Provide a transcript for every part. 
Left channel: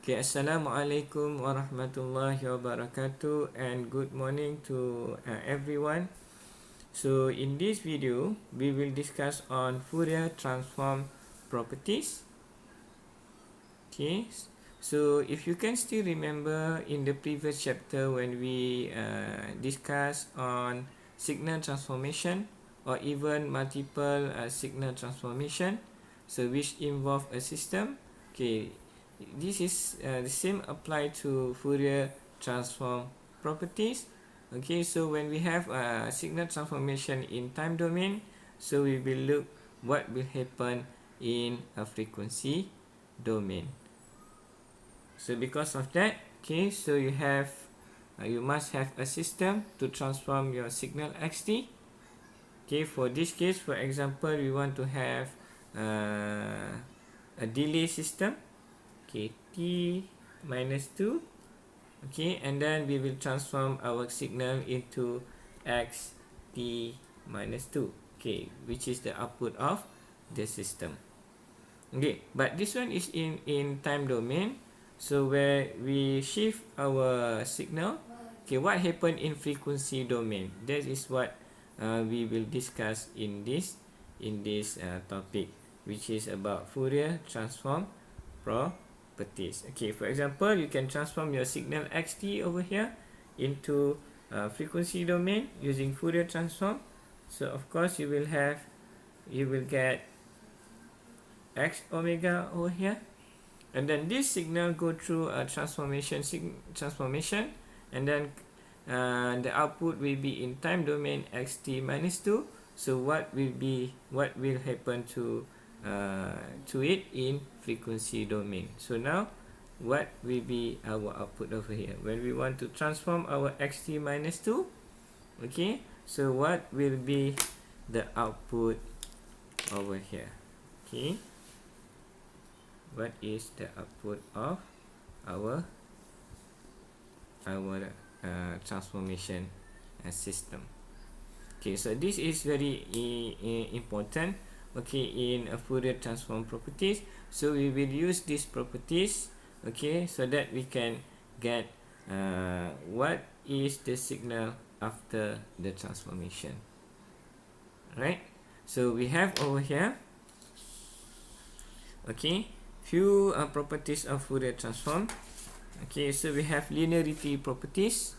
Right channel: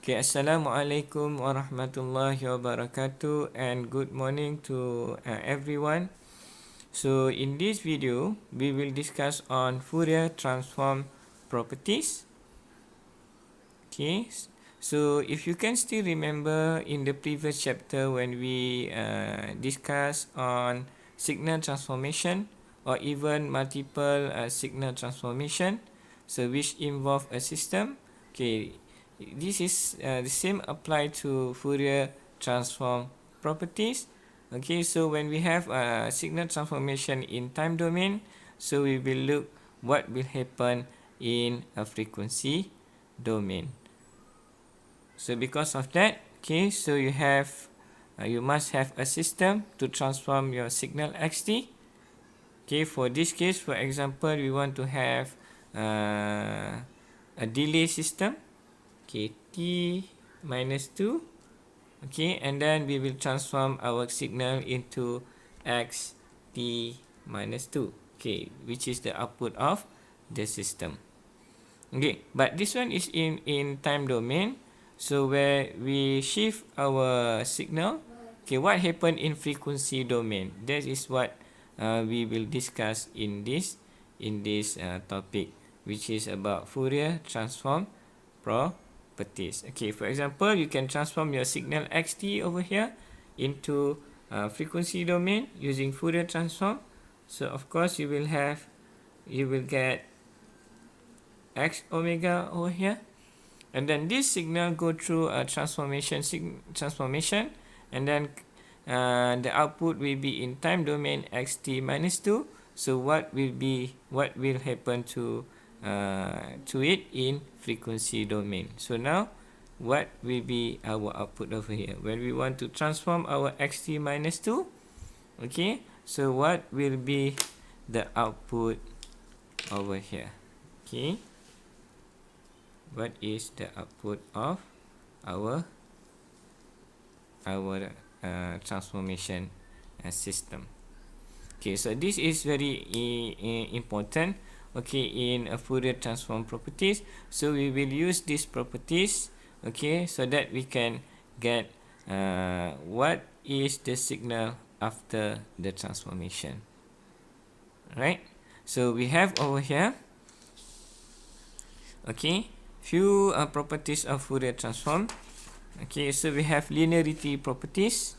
Okay, Assalamualaikum warahmatullahi wabarakatuh and good morning to everyone. So in this video, we will discuss on Fourier transform properties. Okay, so if you can still remember in the previous chapter when we discussed on signal transformation or even multiple signal transformation, so which involve a system. Okay, this is the same apply to Fourier transform properties. Okay, so when we have a signal transformation in time domain, so we will look what will happen in a frequency domain. So because of that, okay, so you must have a system to transform your signal xt. Okay, for this case, for example, we want to have a delay system. Okay, t minus 2. Okay, and then we will transform our signal into x t minus 2. Okay, which is the output of the system. Okay, but this one is in time domain. So where we shift our signal, okay, what happened in frequency domain? That is what we will discuss in this topic, which is about Fourier transform properties. Okay, for example, you can transform your signal xt over here into frequency domain using Fourier transform. So of course you will get x omega over here, and then this signal go through a transformation, and then the output will be in time domain xt minus 2. So what will happen to it in frequency domain? So now what will be our output over here when we want to transform our xt minus 2? Okay, so what will be the output over here? Okay, what is the output of our transformation system? Okay, so this is very important. Okay, in a Fourier transform properties, so we will use these properties, okay, so that we can get what is the signal after the transformation. Right, so we have over here, okay, few properties of Fourier transform. Okay, so we have linearity properties.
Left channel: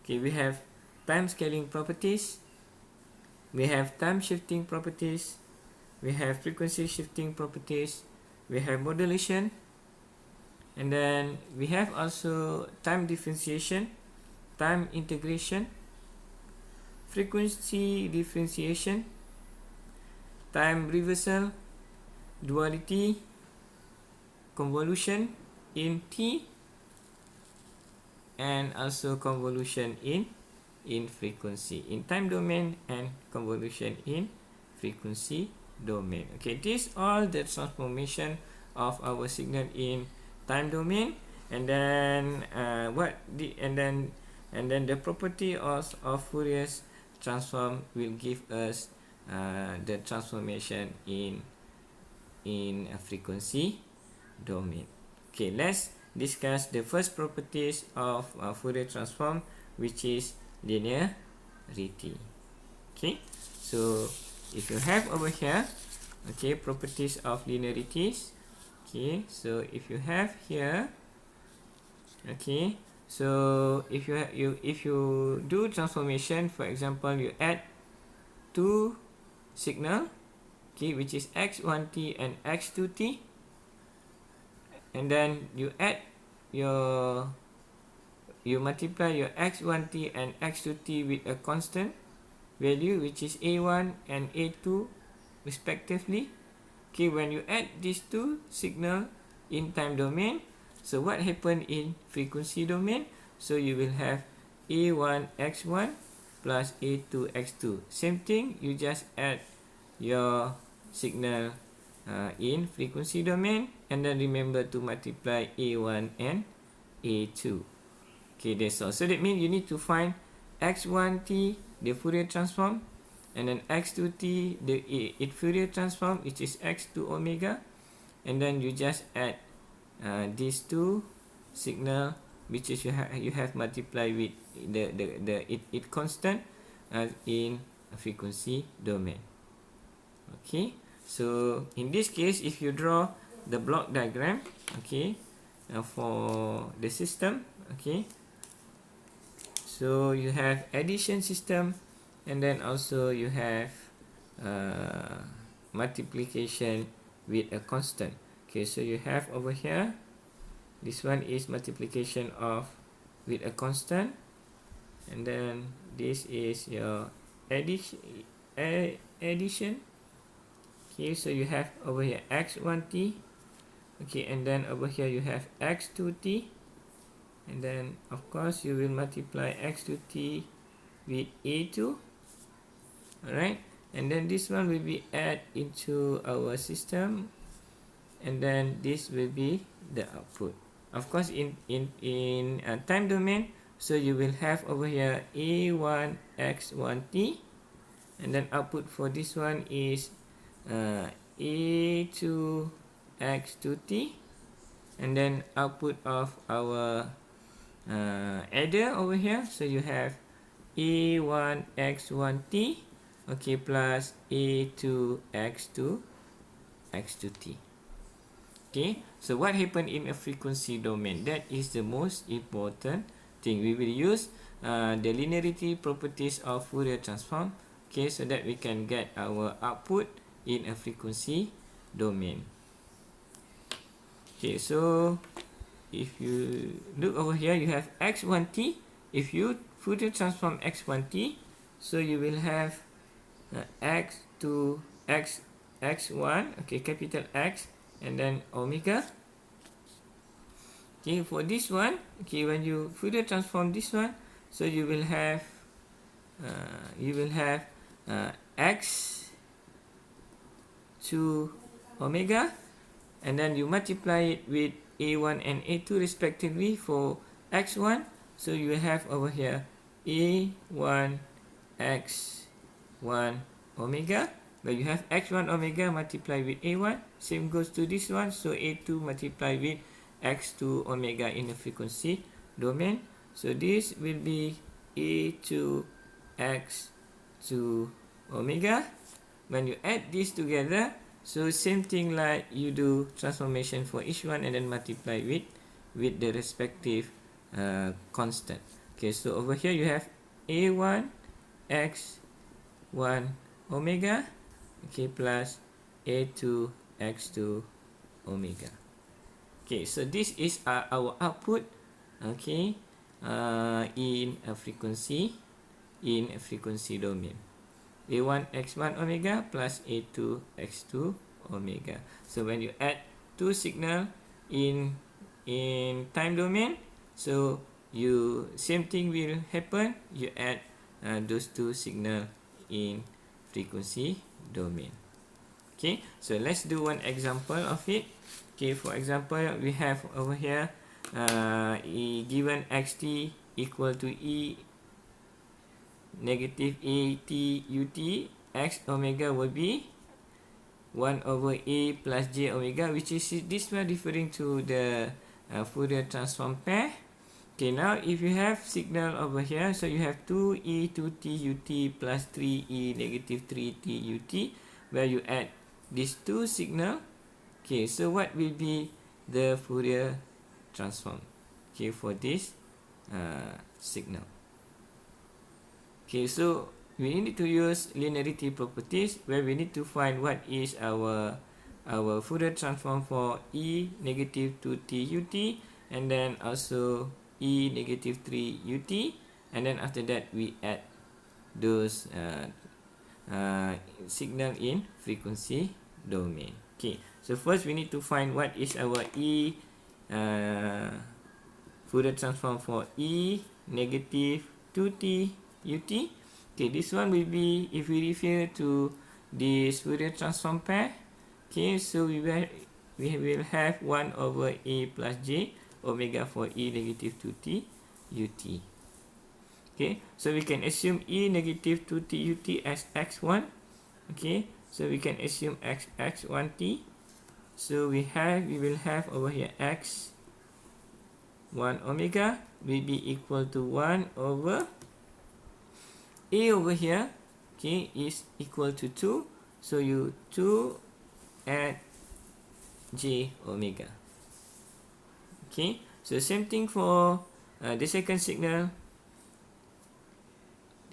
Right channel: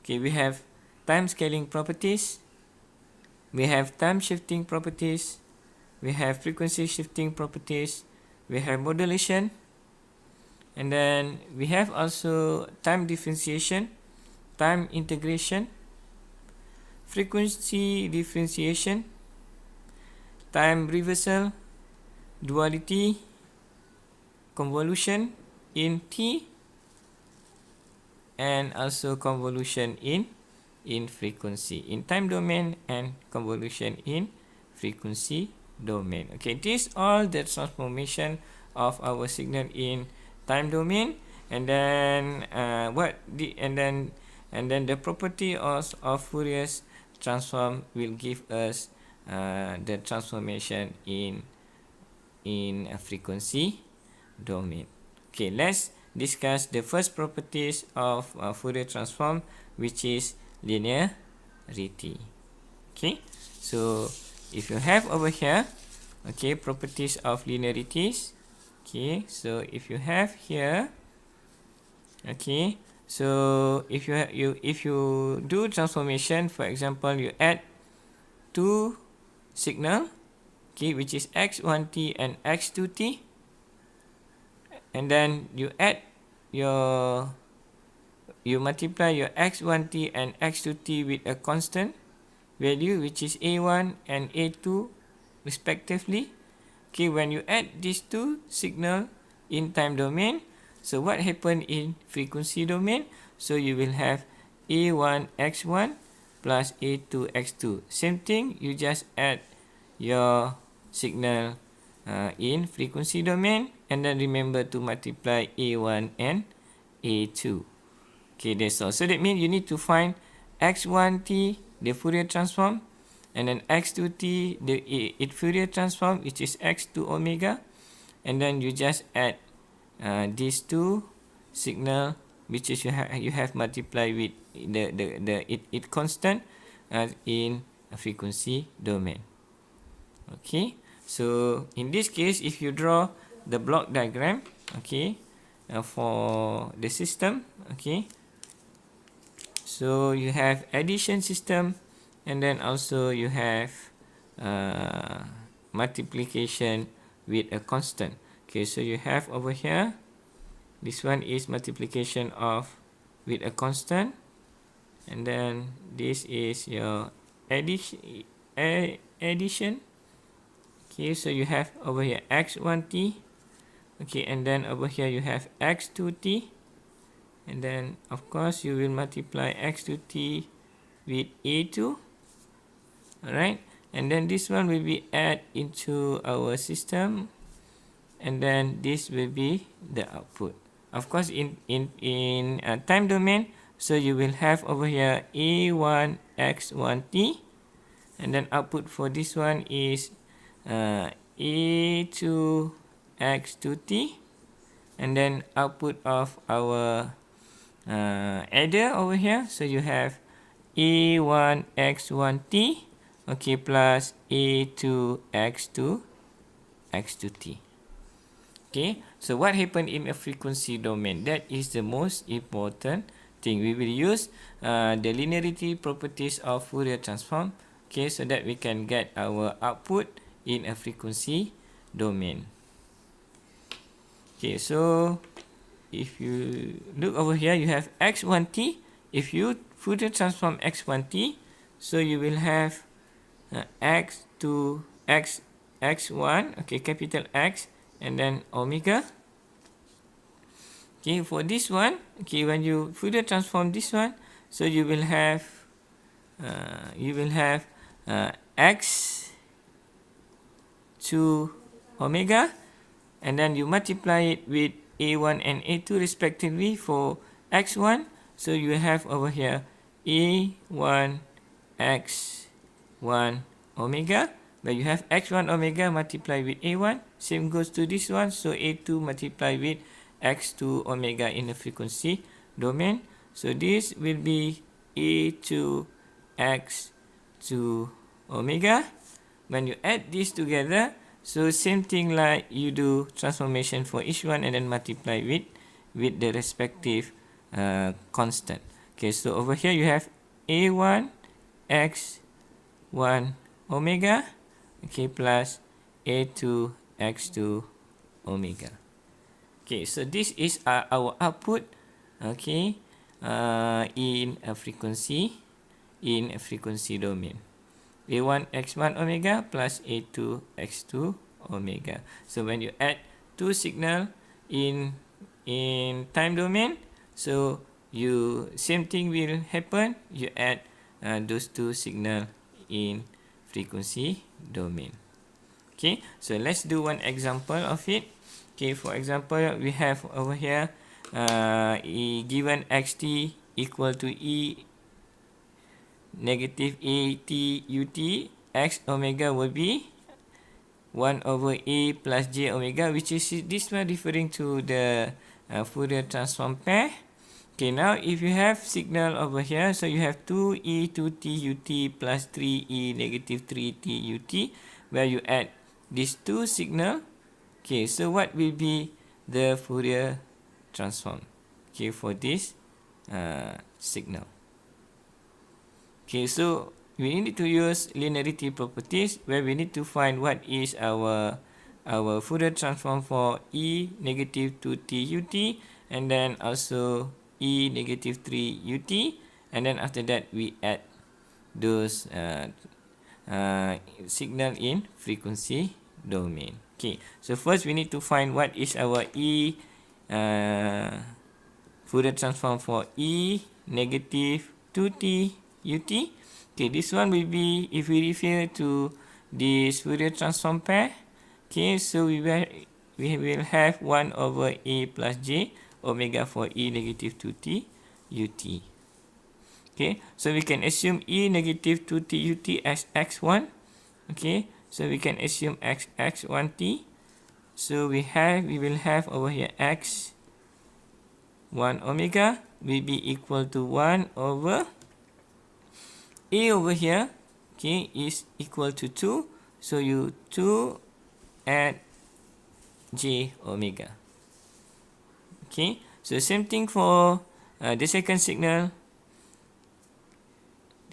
Okay, we have time scaling properties. We have time shifting properties. We have frequency shifting properties. We have modulation. And then we have also time differentiation, time integration, frequency differentiation, time reversal, duality, convolution in T, and also convolution in frequency in time domain and convolution in frequency domain. Okay, these all the transformation of our signal in time domain, and then and then the property of Fourier transform will give us the transformation in a frequency domain. Okay, let's discuss the first properties of Fourier transform, which is linearity. Okay, so if you have over here, okay, properties of linearities. Okay, so if you have here, okay, so if you do transformation, for example, you add two signal, okay, which is x1t and x2t, and then you multiply your x1t and x2t with a constant value, which is a1 and a2 respectively. Okay, when you add these two signal in time domain, so what happened in frequency domain? So you will have a1 x1 plus a2 x2. Same thing, you just add your signal in frequency domain, and then remember to multiply a1 and a2. Okay, that's all. So that means you need to find x1t, the Fourier transform, and then x2t, the Fourier transform, which is x2 omega, and then you just add these two signal, which is you have multiplied with it constant in a frequency domain. Okay, so in this case, if you draw the block diagram, okay, for the system, okay, so you have addition system, and then also you have multiplication with a constant. Okay, so you have over here, this one is multiplication of with a constant, and then this is your addition. Okay, so you have over here x1t, okay, and then over here you have x2t, and then of course you will multiply x2t with a2. Alright, and then this one will be add into our system, and then this will be the output. Of course, in time domain, so you will have over here a1 x1t, and then output for this one is a2 x2t, and then output of our adder over here, so you have a1 x1t, okay, plus a2 x2t. Okay, so what happened in a frequency domain? That is the most important thing. We will use the linearity properties of Fourier transform, okay, so that we can get our output in a frequency domain. Okay, so if you look over here, you have x1t. If you Fourier transform x1t, so you will have x2 x1, okay, capital X, and then omega. Okay, for this one, okay, when you Fourier transform this one, so you will have x to omega, and then you multiply it with a1 and a2 respectively for x1, so you have over here a1 x1 omega, where you have x1 omega multiplied with a1. Same goes to this one, so a2 multiplied with x2 omega in the frequency domain. So this will be a2 x2 omega. When you add this together, so same thing like you do transformation for each one, and then multiply with the respective constant. Okay, so over here you have a1 x1 omega, okay, plus a2 x2 omega. Okay, so this is our output, okay, in a frequency domain. a1 x1 omega plus a2 x2 omega. So when you add two signal in time domain, so you same thing will happen. You add those two signal in frequency domain. Okay, so let's do one example of it. Okay, for example, we have over here given xt equal to e negative at ut, x omega will be 1 over a plus j omega, which is this one referring to the Fourier transform pair. Okay, now if you have signal over here, so you have 2e 2t ut plus 3e negative 3t ut, where you add these two signal. Okay, so what will be the Fourier transform, okay, for this signal? Okay, so we need to use linearity properties, where we need to find what is our Fourier transform for e negative 2t ut, and then also e negative 3 ut, and then after that we add those signal in frequency domain. Okay, so first we need to find what is our Fourier transform for e negative 2t ut. Okay, this one will be, if we refer to this Fourier transform pair, okay, so we will have 1 over a plus j omega for e negative 2t ut. Okay, so we can assume e negative 2t ut as x1. Okay, so we can assume x1t. So we will have over here x 1 omega will be equal to 1 over a over here, okay, is equal to 2. So you 2 add j omega. Okay, so same thing for the second signal.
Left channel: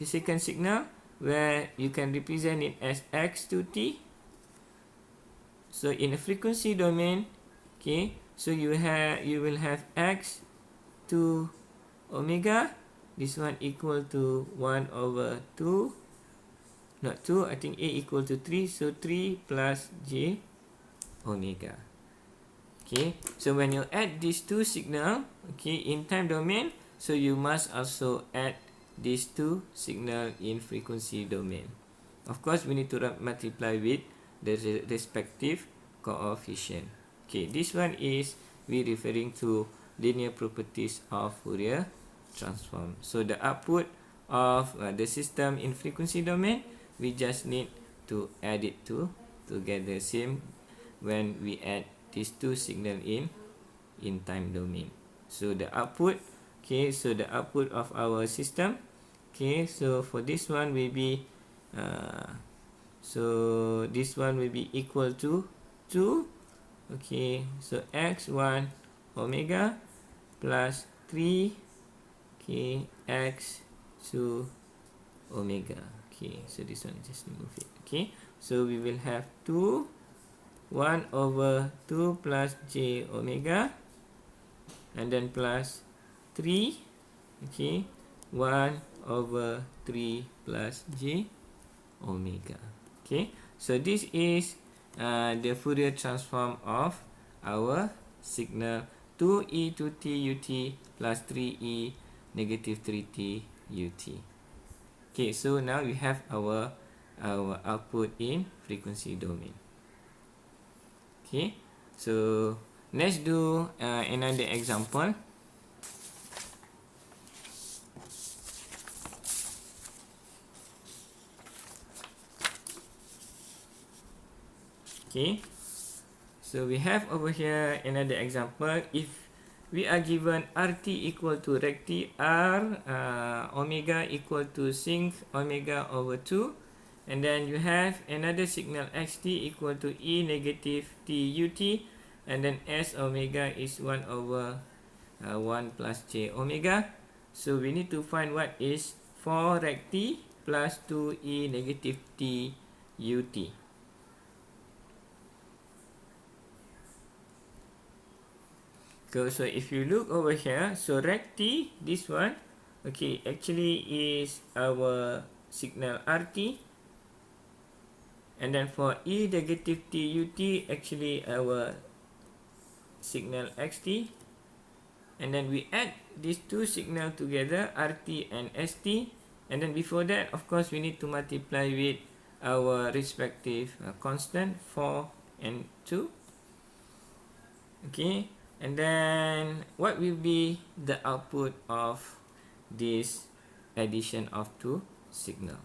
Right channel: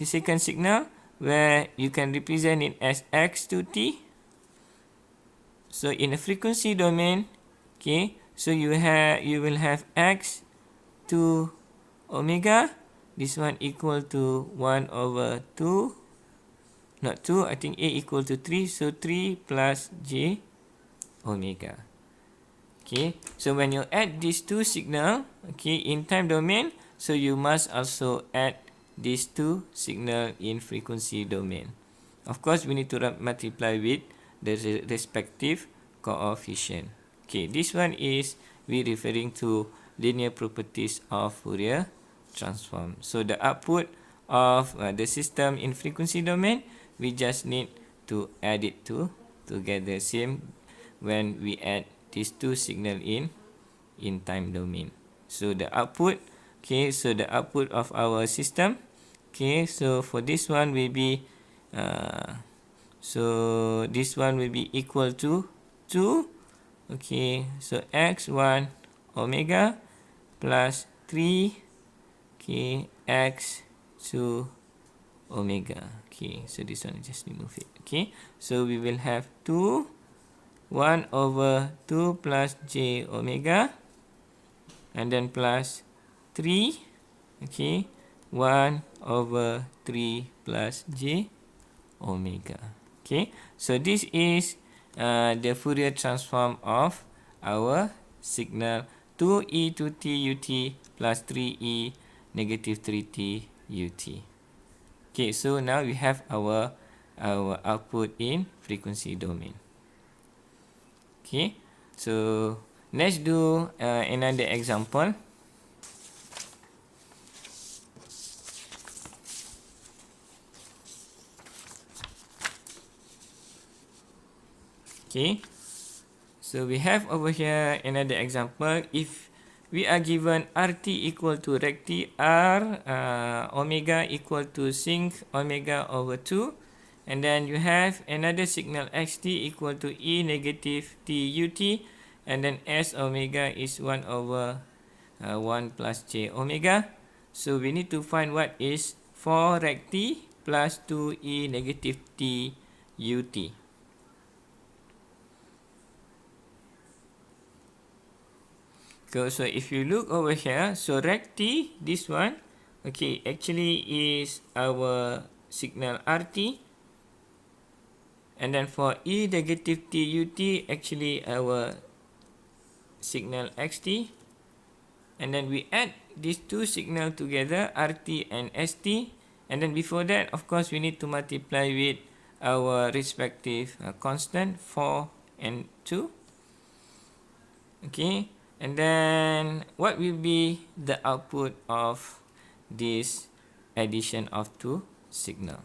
The second signal where you can represent it as x to t. So in a frequency domain, okay, so you will have x to omega. This one equal to 1 over 2. Not 2, I think a equal to 3. So 3 plus j omega. Okay, so when you add these two signal, okay, in time domain, so you must also add these two signal in frequency domain. Of course, we need to multiply with the respective coefficient. Okay, this one is we referring to linear properties of Fourier transform. So the output of the system in frequency domain, we just need to add it together. Same when we add these two signal in time domain. So the output, okay, so the output of our system, okay, so for this one will be so this one will be equal to 2. Okay, so x1 omega plus 3, okay, x2 omega. Okay, so this one just remove it. Okay, so we will have 2 1 over 2 plus j omega, and then plus 3, okay, 1 over 3 plus j omega. Okay, so this is the Fourier transform of our signal 2e to t ut plus 3e negative 3t ut. Okay, so now we have our output in frequency domain. Okay, so let's do another example. Okay, so we have over here another example. If we are given RT equal to recti R omega equal to sinc omega over 2, and then you have another signal xt equal to e negative t ut, and then s omega is 1 over 1 plus j omega. So we need to find what is 4 recti plus 2e negative t ut. So if you look over here, so recti, this one, okay, actually is our signal RT, and then for e negative t ut, actually our signal xt, and then we add these two signal together, RT and ST, and then before that, of course, we need to multiply with our respective constant 4 and 2. Okay, and then what will be the output of this addition of two signal?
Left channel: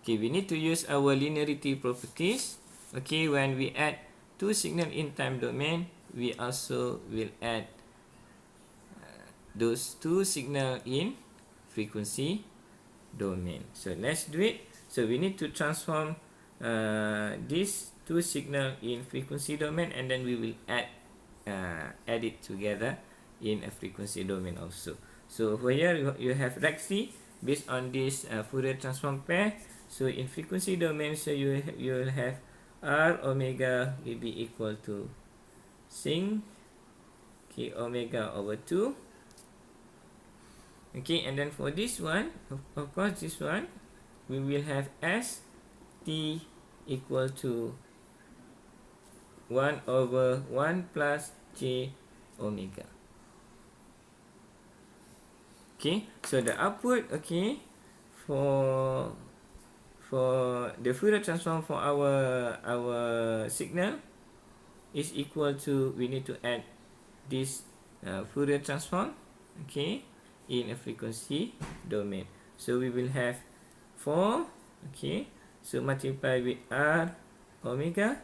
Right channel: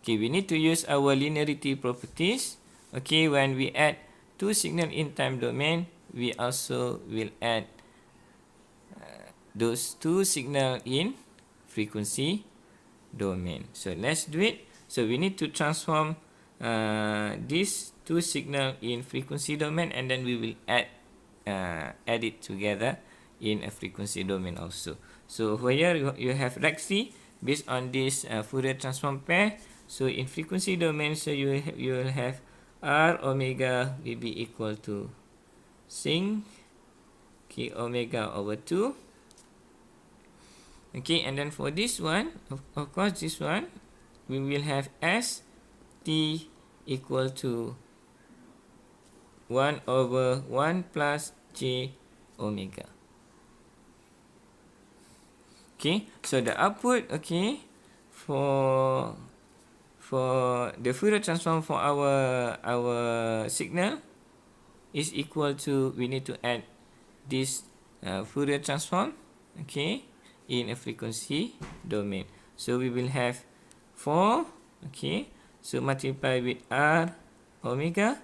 Okay, we need to use our linearity properties. Okay, when we add two signal in time domain, we also will add those two signal in frequency domain. So let's do it. So we need to transform these two signal in frequency domain, and then we will add it together in a frequency domain also. So here you have recti based on this Fourier transform pair. So in frequency domain, so you will have r omega will be equal to sinc k omega over 2. Okay, and then for this one, of course, this one we will have s t equal to 1 over 1 plus j omega. Okay, so the output, okay, for the Fourier transform for our signal is equal to, we need to add this Fourier transform, okay, in a frequency domain. So we will have 4, okay, so multiply with r omega,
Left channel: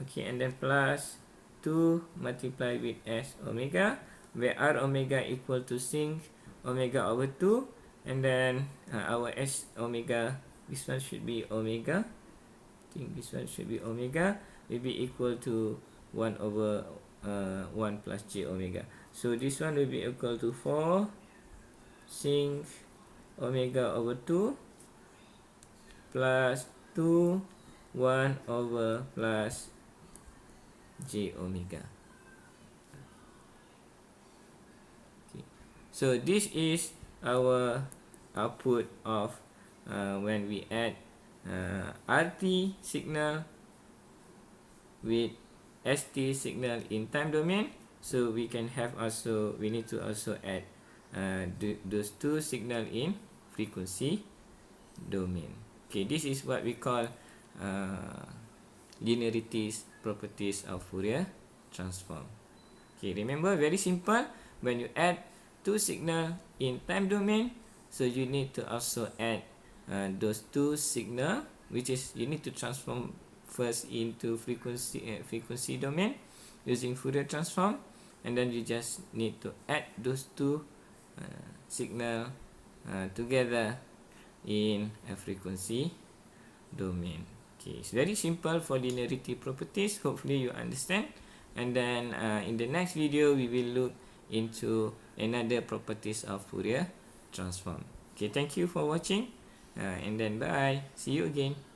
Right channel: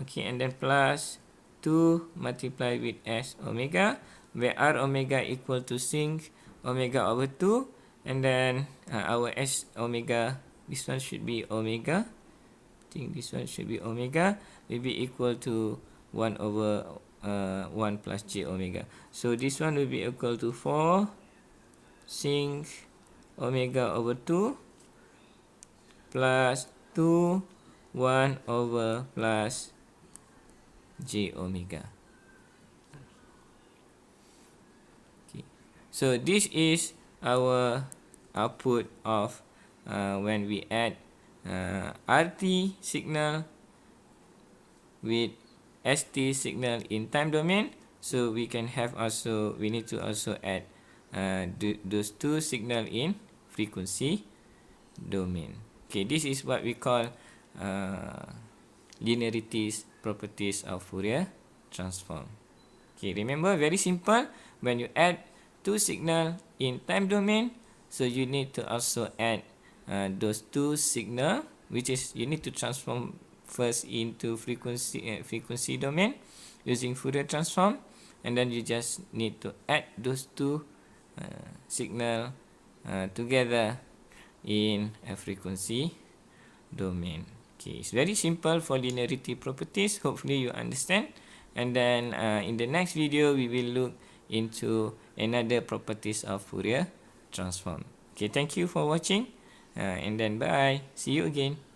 Okay, and then plus 2 multiplied with s omega, where r omega equal to sinc omega over 2, and then our s omega, this one should be omega. I think this one should be omega, will be equal to 1 over 1 plus j omega. So this one will be equal to 4 sinc omega over 2 plus 2 1 over plus j omega. Okay. So this is our output of when we add RT signal with ST signal in time domain. So we can have also, we need to also add those two signal in frequency domain. Okay, this is what we call linearities properties of Fourier transform. Okay, remember, very simple. When you add two signal in time domain, so you need to also add those two signal, which is you need to transform first into frequency domain using Fourier transform, and then you just need to add those two signal together in a frequency domain. Okay, it's very simple for linearity properties. Hopefully you understand. And then in the next video, we will look into another properties of Fourier transform. Okay, thank you for watching. And then bye. See you again.